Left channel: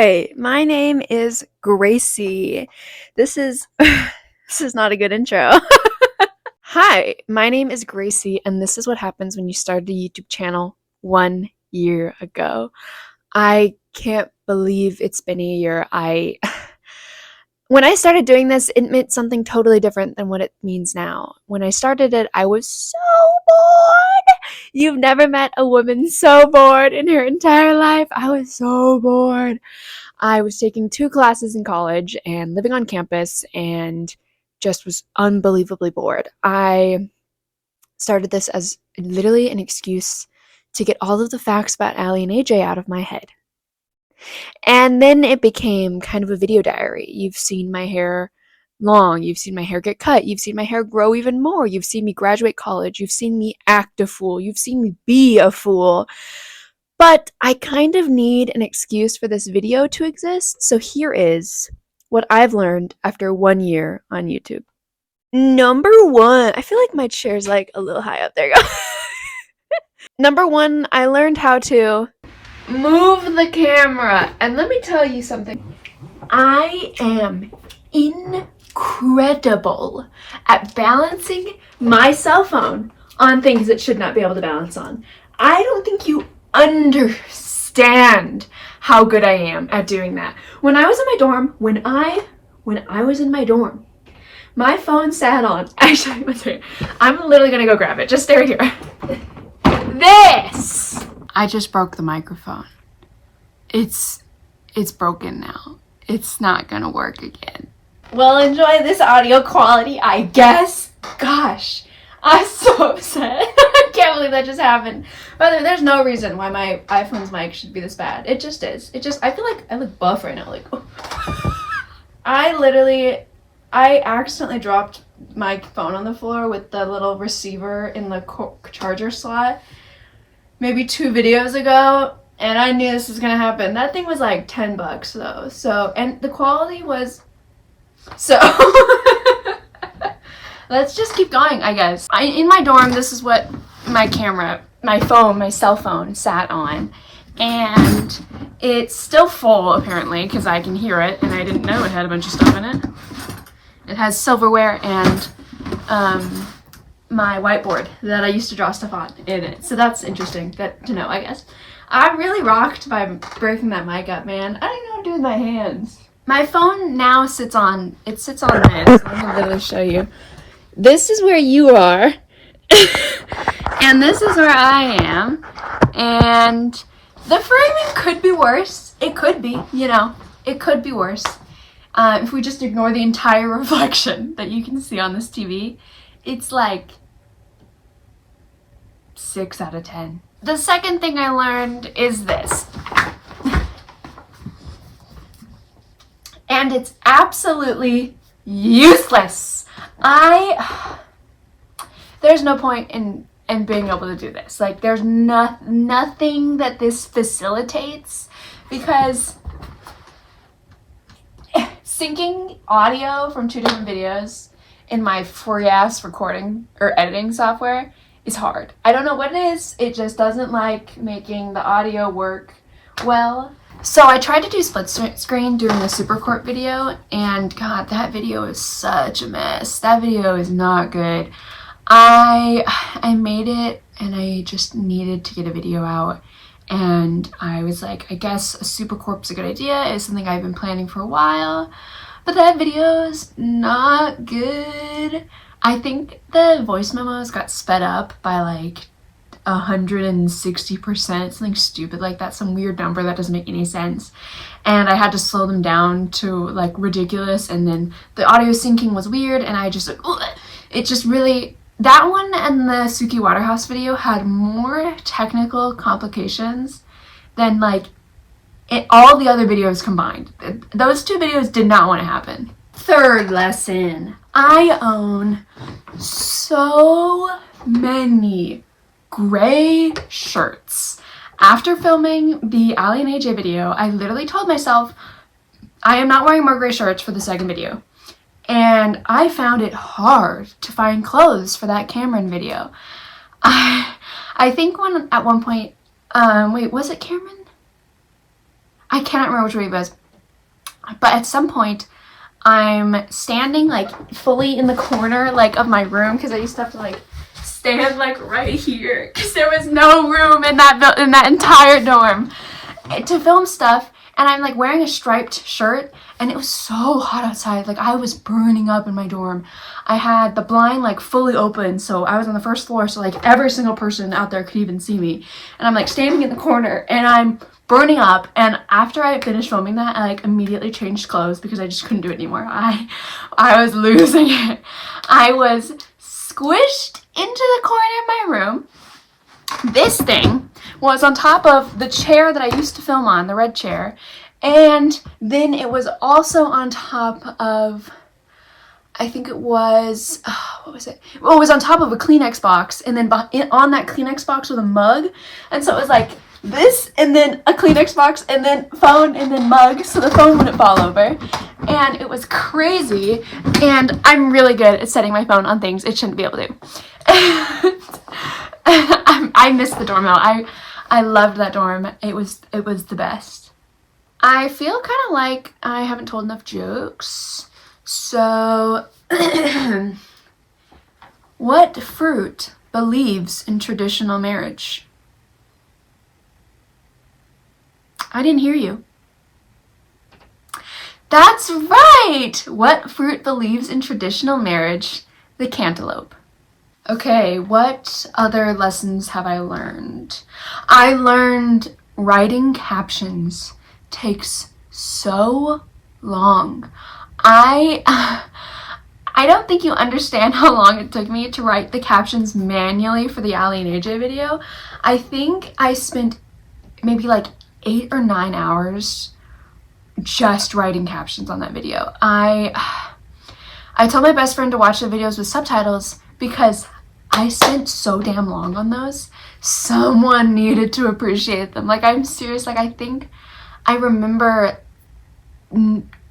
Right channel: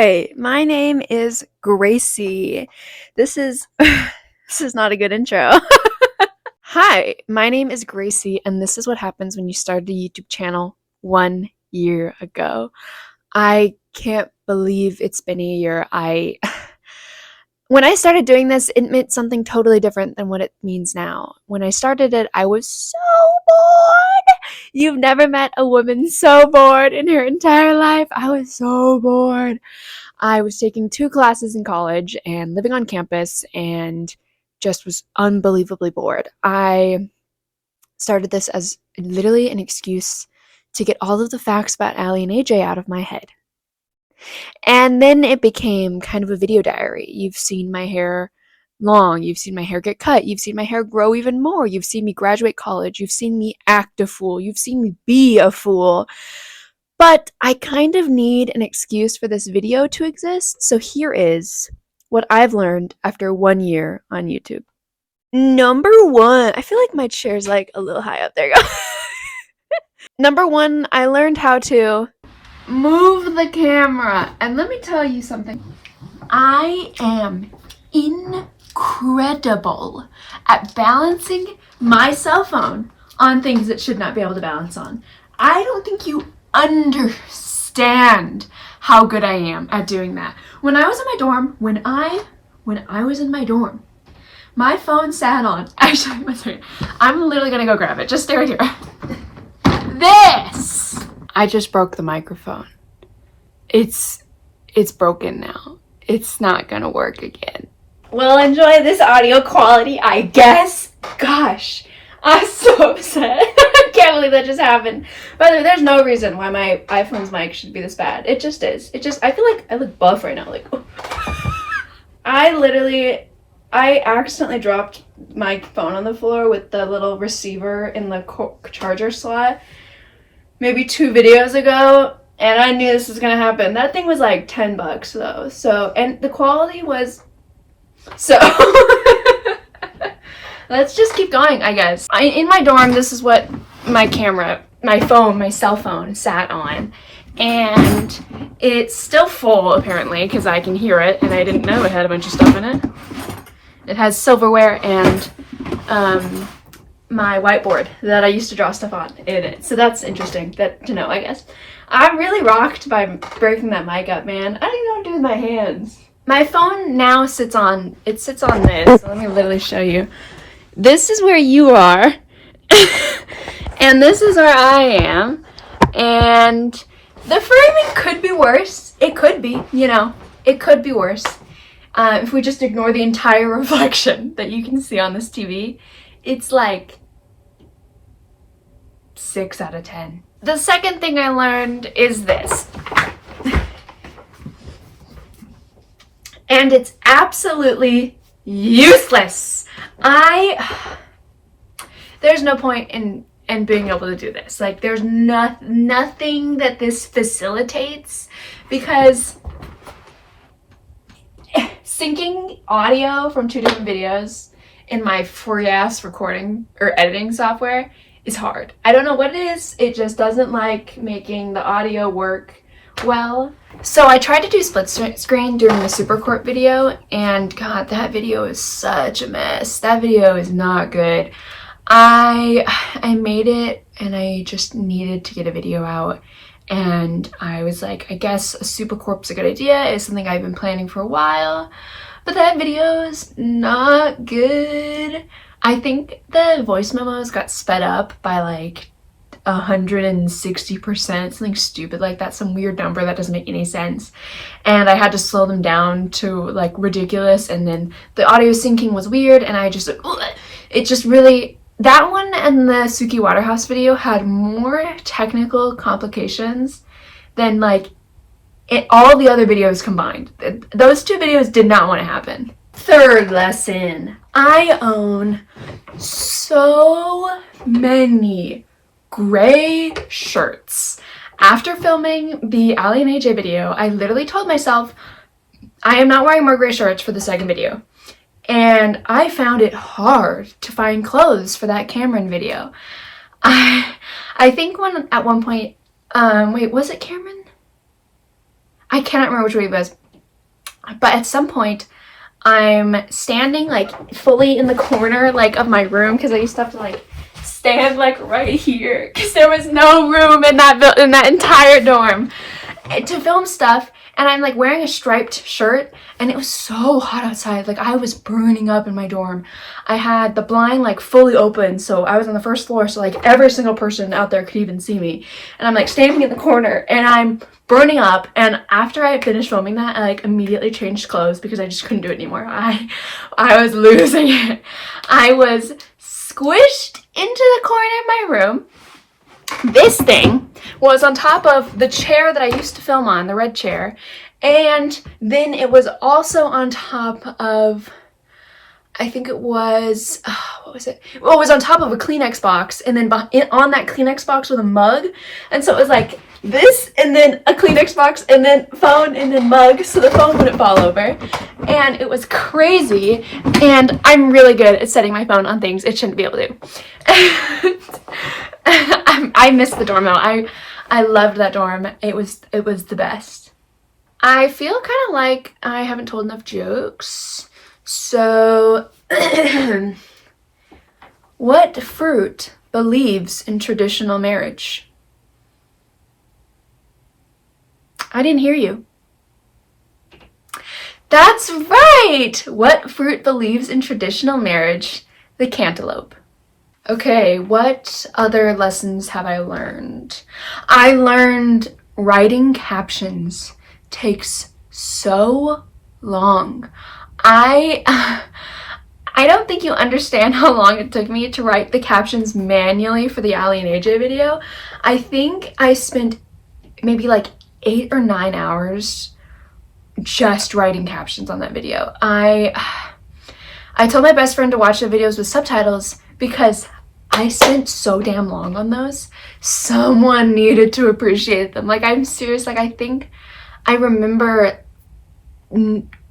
Hi, my name is Gracie. This is this is not a good intro. Hi, my name is Gracie, and this is what happens when you started a YouTube channel 1 year ago. I can't believe it's been a year. When I started doing this, it meant something totally different than what it means now. When I started it, I was so bored. You've never met a woman so bored in her entire life. I was so bored. I was taking 2 classes in college and living on campus and just was unbelievably bored. I started this as literally an excuse to get all of the facts about Allie and AJ out of my head. And then it became kind of a video diary. You've seen my hair long, you've seen my hair get cut, you've seen my hair grow even more, you've seen me graduate college, you've seen me act a fool, you've seen me be a fool. But I kind of need an excuse for this video to exist, so here is what I've learned after 1 year on YouTube. Number 1, I feel like my chair's like a little high up. There you go. Number 1, I learned how to move the camera. And let me tell you something. I am incredible at balancing my cell phone on things it should not be able to balance on. I don't think you understand how good I am at doing that. When I was in my dorm, when I was in my dorm, my phone sat on, actually, let's see, I'm literally gonna go grab it. Just stay right here. This! I just broke the microphone. It's broken now. It's not gonna work again. Well, enjoy this audio quality, I guess. Gosh, I'm so upset. I can't believe that just happened. By the way, there's no reason why my iPhone's mic should be this bad. It just is. I feel like I look buff right now. Like, I accidentally dropped my phone on the floor with the little receiver in the charger slot maybe 2 videos ago, and I knew this was gonna happen. That thing was like $10 though, so, and the quality was so. Let's just keep going, I guess. In my dorm, this is what my camera, my cell phone sat on, and it's still full apparently because I can hear it, and I didn't know it had a bunch of stuff in it. It has silverware and my whiteboard that I used to draw stuff on in it. So that's interesting to know, I guess. I'm really rocked by breaking that mic up, man. I don't even know what to do with my hands. My phone now sits on this. So let me literally show you. This is where you are. And this is where I am. And the framing could be worse. It could be, it could be worse. If we just ignore the entire reflection that you can see on this TV, it's like 6 out of 10. The second thing I learned is this. And it's absolutely useless. There's no point in being able to do this. Like, there's nothing that this facilitates, because syncing audio from 2 different videos in my free ass recording or editing software is hard. I don't know what it is. It just doesn't like making the audio work well. So I tried to do split screen during the Supercorp video, and God, that video is such a mess. That video is not good. I made it, and I just needed to get a video out. And I was like, I guess a Supercorp's a good idea. It's something I've been planning for a while. But that video is not good. I think the voice memos got sped up by like 160%, something stupid like that, some weird number that doesn't make any sense. And I had to slow them down to like ridiculous. And then the audio syncing was weird, and I just, it just really, that one and the Suki Waterhouse video had more technical complications than like all the other videos combined. Those 2 videos did not want to happen. Third lesson. I own so many gray shirts. After filming the Allie and AJ video, I literally told myself I am not wearing more gray shirts for the second video. And I found it hard to find clothes for that Cameron video. I think at one point, wait, was it Cameron? I cannot remember which way it was. But at some point, I'm standing like fully in the corner like of my room, because I used to have to like stand like right here because there was no room in that entire dorm to film stuff. And I'm like wearing a striped shirt, and it was so hot outside. Like I was burning up in my dorm. I had the blind like fully open, so I was on the first floor, so like every single person out there could even see me. And I'm like standing in the corner, and I'm burning up. And after I finished filming that, I like immediately changed clothes because I just couldn't do it anymore. I was losing it. I was squished into the corner of my room. This thing was on top of the chair that I used to film on, the red chair, and then it was also on top of, I think it was, what was it? Well, it was on top of a Kleenex box, and then on that Kleenex box was a mug, and so it was like this, and then a Kleenex box, and then phone, and then mug, so the phone wouldn't fall over. And it was crazy, and I'm really good at setting my phone on things it shouldn't be able to. I miss the dorm though. I loved that dorm. It was the best. I feel kind of like I haven't told enough jokes. So, what fruit believes in traditional marriage? I didn't hear you. That's right! What fruit believes in traditional marriage? The cantaloupe. Okay, what other lessons have I learned? I learned writing captions takes so long. I don't think you understand how long it took me to write the captions manually for the Ali and AJ video. I think I spent maybe like 8 or 9 hours just writing captions on that video. I told my best friend to watch the videos with subtitles because I spent so damn long on those. Someone needed to appreciate them. Like, I'm serious. Like, I think I remember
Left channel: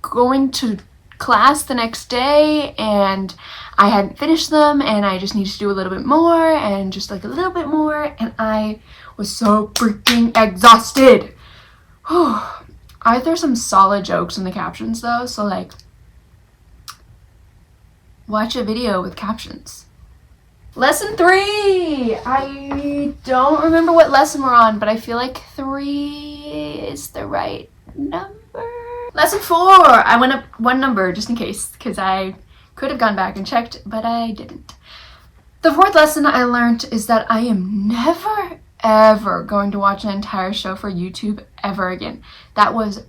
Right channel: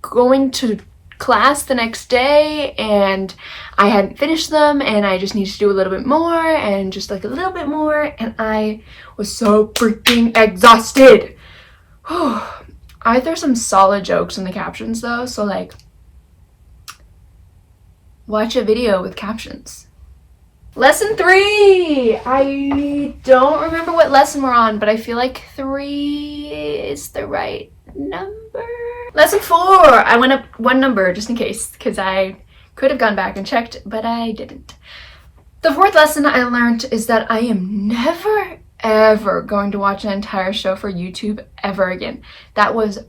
going to class the next day and I hadn't finished them, and I just needed to do a little bit more and just like a little bit more, and I was so freaking exhausted. I threw some solid jokes in the captions though, so like watch a video with captions. Lesson 3! I don't remember what lesson we're on, but I feel like 3 is the right number. Lesson 4! I went up one number just in case, because I could have gone back and checked, but I didn't. The 4th lesson I learned is that I am never, ever going to watch an entire show for YouTube ever again. That was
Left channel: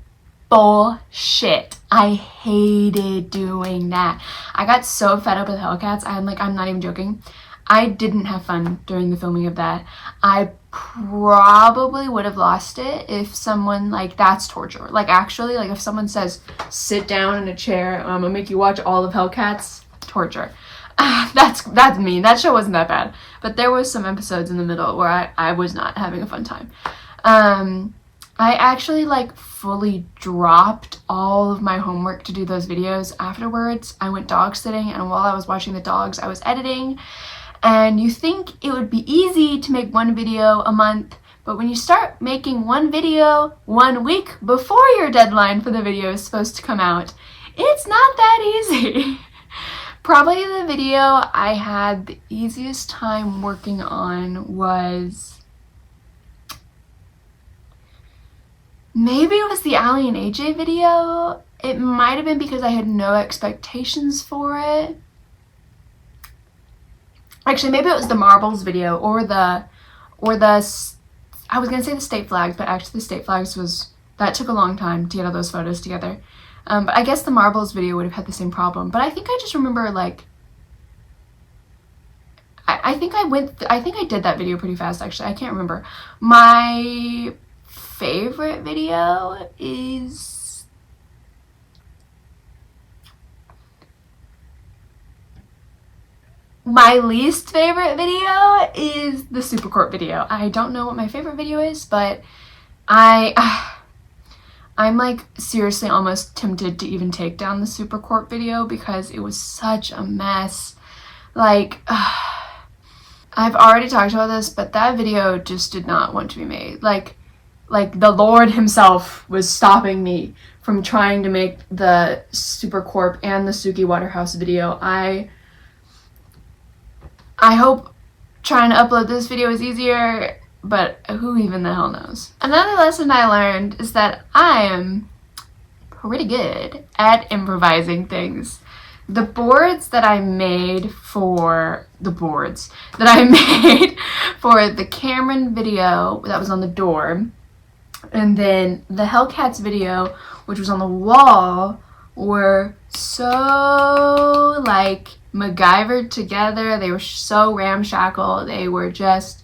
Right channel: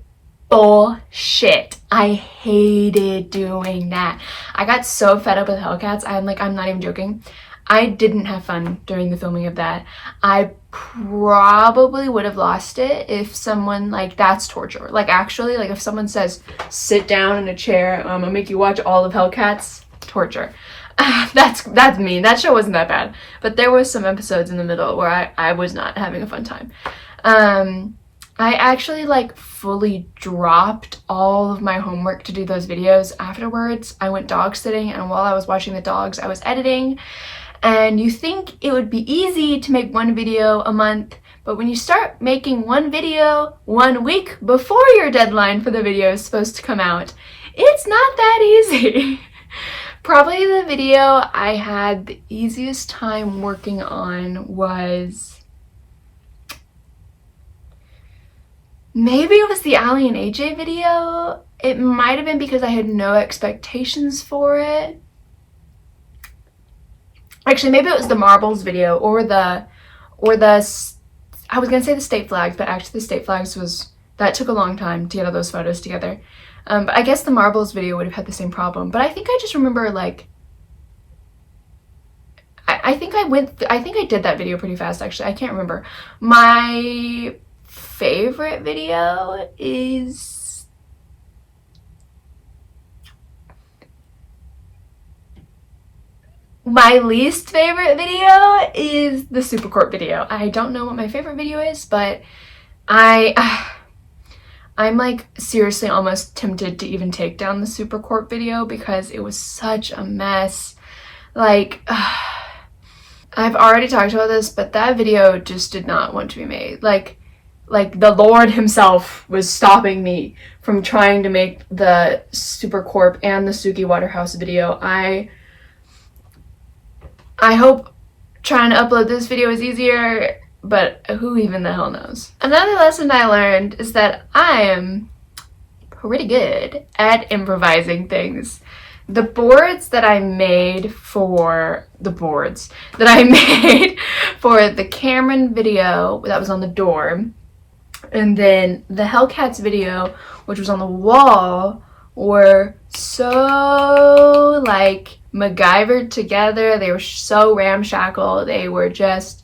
bullshit. I hated doing that. I got so fed up with Hellcats. I'm not even joking. I didn't have fun during the filming of that. I probably would have lost it if someone, like, that's torture. Like, actually, like, if someone says, sit down in a chair, I'm gonna make you watch all of Hellcats, torture. That's mean. That show wasn't that bad. But there was some episodes in the middle where I was not having a fun time. I actually, like, fully dropped all of my homework to do those videos afterwards. I went dog sitting, and while I was watching the dogs, I was editing. And you think it would be easy to make one video a month, but when you start making one video 1 week before your deadline for the video is supposed to come out, it's not that easy. Probably the video I had the easiest time working on was, maybe it was the Ali and AJ video. It might have been because I had no expectations for it. Actually, maybe it was the marbles video or the, I was gonna say the state flags, but actually the state flags that took a long time to get all those photos together. But I guess the marbles video would have had the same problem. But I think I just remember, like, I think I did that video pretty fast, actually. I can't remember. My favorite video is, my least favorite video is the Supercorp video. I don't know what my favorite video is, but I'm like seriously almost tempted to even take down the Supercorp video because it was such a mess. Like, I've already talked about this, but that video just did not want to be made. Like, like the Lord himself was stopping me from trying to make the Super Corp and the Suki Waterhouse video. I hope trying to upload this video is easier, but who even the hell knows. Another lesson I learned is that I am pretty good at improvising things. The boards that I made for the Cameron video that was on the door, and then the Hellcats video, which was on the wall, were so like MacGyvered together. They were so ramshackle. They were just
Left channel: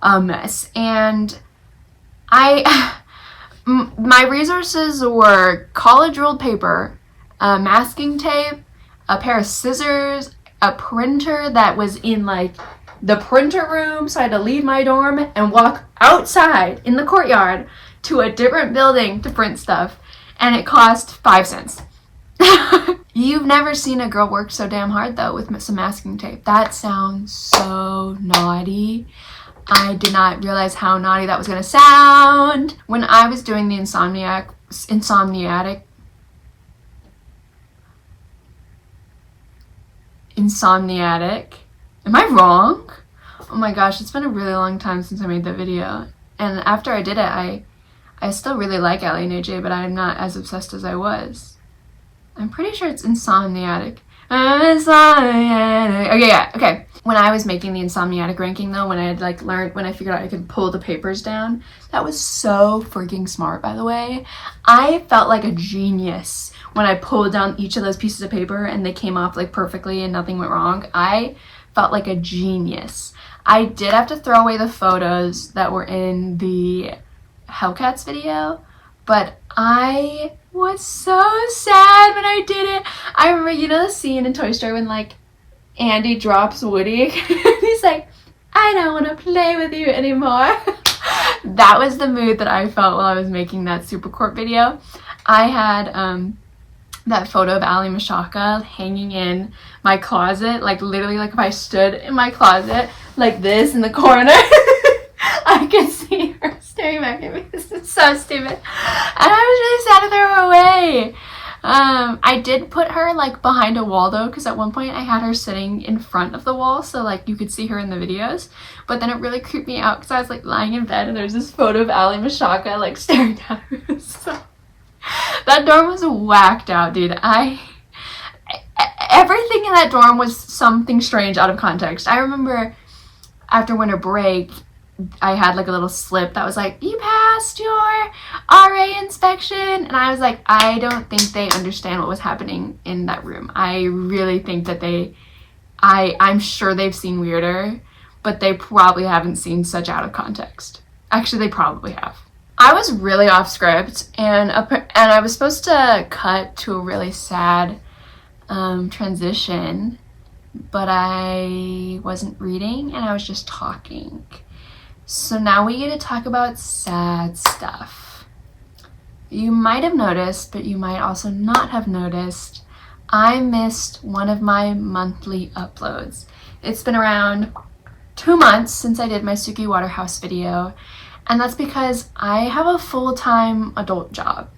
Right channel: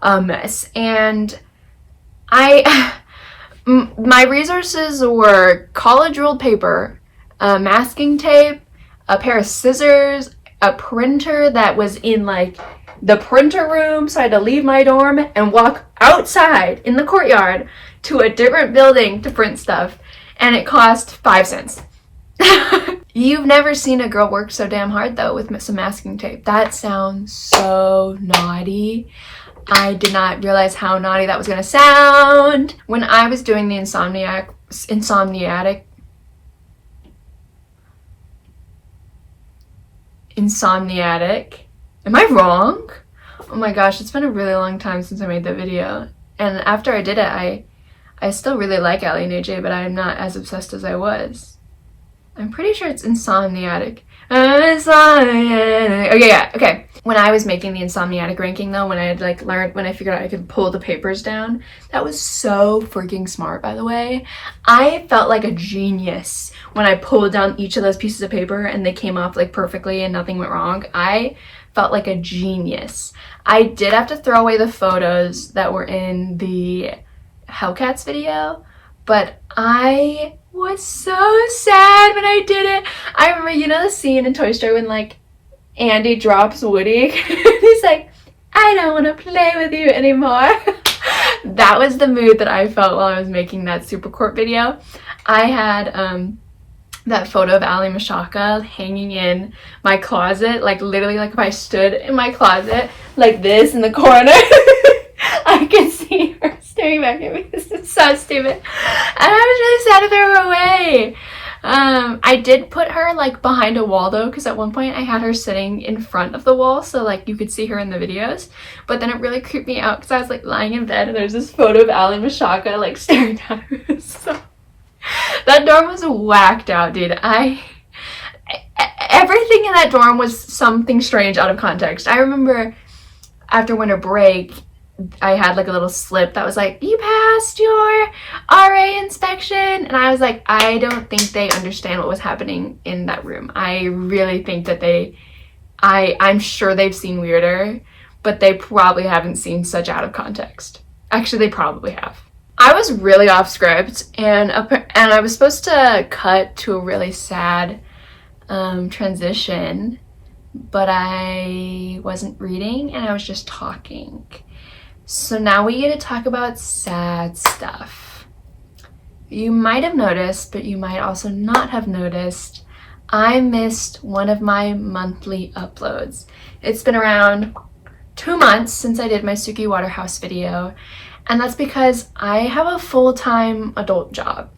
a mess. And my resources were college rolled paper, masking tape, a pair of scissors, a printer that was in like the printer room, so I had to leave my dorm and walk outside in the courtyard to a different building to print stuff, and it cost 5 cents. You've never seen a girl work so damn hard though with some masking tape. That sounds so naughty. I did not realize how naughty that was gonna sound. When I was doing the Insomniatic. Am I wrong? Oh my gosh, it's been a really long time since I made that video. And after I did it, I still really like Allie and AJ, but I'm not as obsessed as I was. I'm pretty sure it's Insomniatic. Okay, yeah, okay. When I was making the Insomniatic ranking though, when I had like learned, when I figured out I could pull the papers down, that was so freaking smart, by the way. I felt like a genius when I pulled down each of those pieces of paper and they came off like perfectly and nothing went wrong. I felt like a genius. I did have to throw away the photos that were in the Hellcats video, but I was so sad when I did it. I remember, you know the scene in Toy Story when like Andy drops Woody? He's like, I don't want to play with you anymore. That was the mood that I felt while I was making that Super Corp video. I had that photo of Ali Mashaka hanging in my closet, like literally like if I stood in my closet like this in the corner, I could see her staring back at me. This is so stupid. And I was really sad to throw her away. I did put her like behind a wall though, because at one point I had her sitting in front of the wall so like you could see her in the videos, but then it really creeped me out because I was like lying in bed and there's this photo of Ali Mashaka like staring down at me. So that dorm was whacked out, dude. Everything in that dorm was something strange out of context. I remember after winter break, I had like a little slip that was like, you passed your RA inspection. And I was like, I don't think they understand what was happening in that room. I really think that I'm sure they've seen weirder, but they probably haven't seen such out of context. Actually, they probably have. I was really off script, and I was supposed to cut to a really sad transition, but I wasn't reading and I was just talking. So now we get to talk about sad stuff. You might have noticed, but you might also not have noticed, I missed one of my monthly uploads. It's been around 2 months since I did my Suki Waterhouse video, and that's because I have a full-time adult job.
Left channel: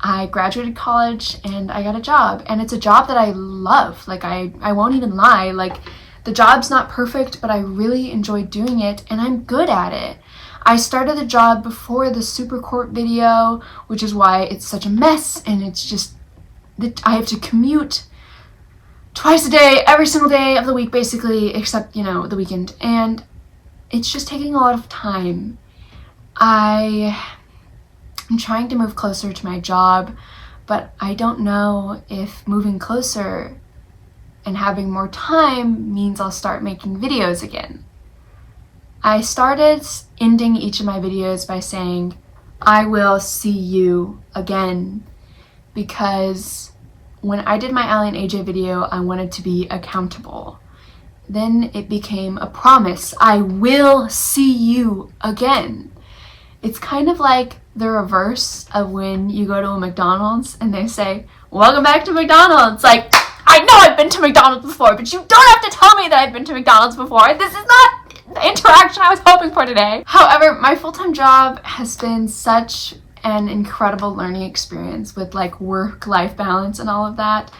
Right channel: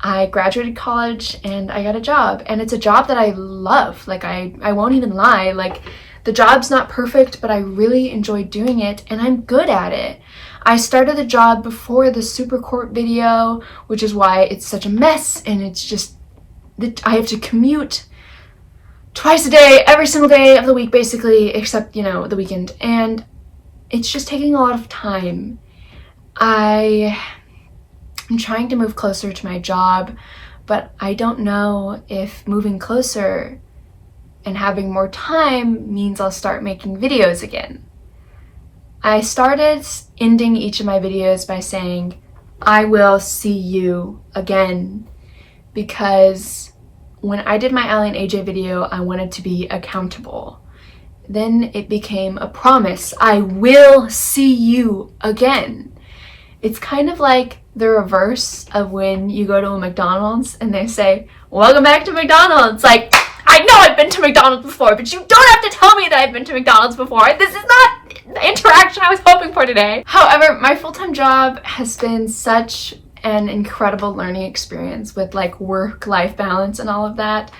I graduated college and I got a job, and it's a job that I love. Like I won't even lie, like the job's not perfect, but I really enjoy doing it and I'm good at it. I started the job before the Super Corp video, which is why it's such a mess, and it's just, I have to commute twice a day, every single day of the week basically, except, you know, the weekend, and it's just taking a lot of time. I'm trying to move closer to my job, but I don't know if moving closer and having more time means I'll start making videos again. I started ending each of my videos by saying, I will see you again, because when I did my Allie and AJ video, I wanted to be accountable. Then it became a promise, I will see you again. It's kind of like the reverse of when you go to a McDonald's and they say, welcome back to McDonald's. Like, I know I've been to McDonald's before, but you don't have to tell me that I've been to McDonald's before. This is not the interaction I was hoping for today. However, my full-time job has been such an incredible learning experience with like work-life balance and all of that.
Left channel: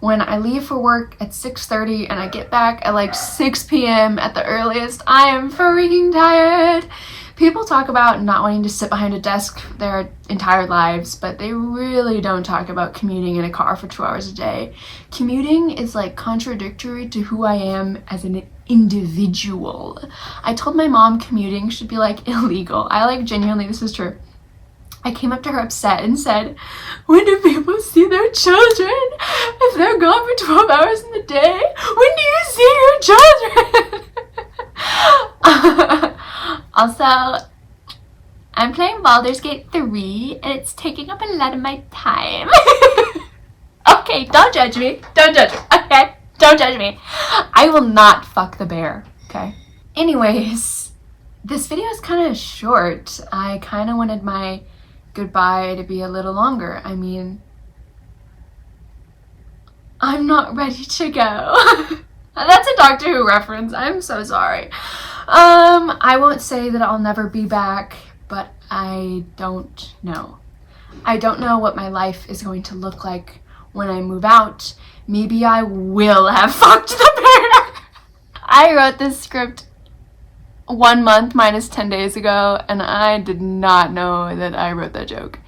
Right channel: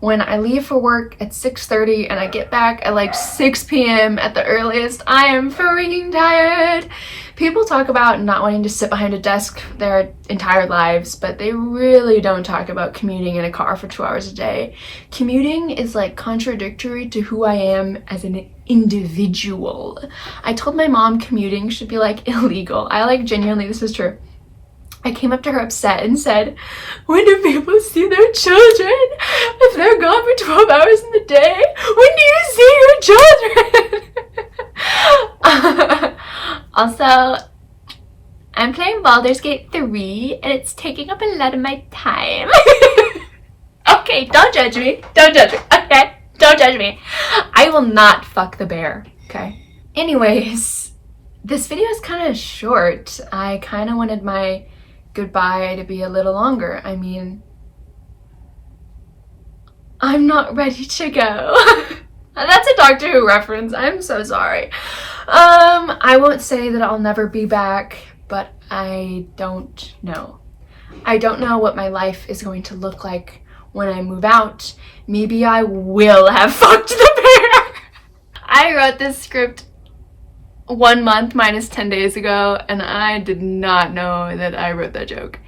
When I leave for work at 6:30 and I get back at like 6 p.m. at the earliest, I am freaking tired. People talk about not wanting to sit behind a desk their entire lives, but they really don't talk about commuting in a car for 2 hours a day. Commuting is like contradictory to who I am as an individual. I told my mom commuting should be like illegal. I like genuinely, this is true. I came up to her upset and said, when do people see their children? If they're gone for 12 hours in the day, when do you see your children? Also, I'm playing Baldur's Gate 3 and it's taking up a lot of my time. Okay, don't judge me. Don't judge me. Okay? Don't judge me. I will not fuck the bear. Okay? Anyways, this video is kind of short. I kind of wanted my goodbye to be a little longer. I mean, I'm not ready to go. That's a Doctor Who reference. I'm so sorry. I won't say that I'll never be back, but I don't know. I don't know what my life is going to look like when I move out. Maybe I will have fucked the bear. I wrote this script 1 month minus 10 days ago, and I did not know that I wrote that joke.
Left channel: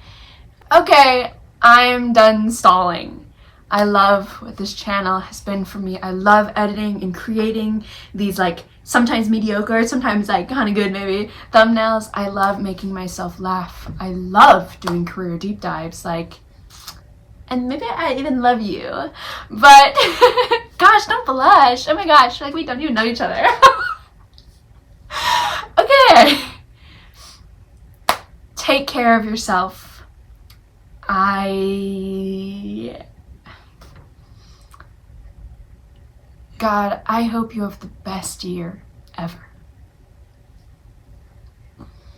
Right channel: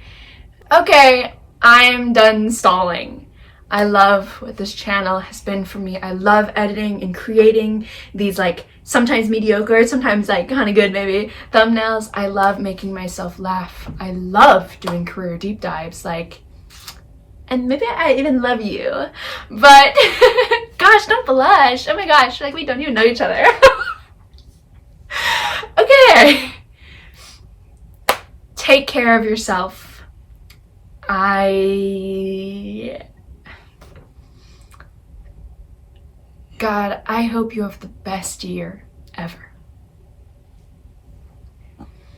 Okay, I'm done stalling. I love what this channel has been for me. I love editing and creating these like sometimes mediocre, sometimes like kind of good maybe thumbnails. I love making myself laugh. I love doing career deep dives, like, and maybe I even love you, but gosh, don't blush. Oh my gosh, like we don't even know each other. Okay, take care of yourself. God, I hope you have the best year ever.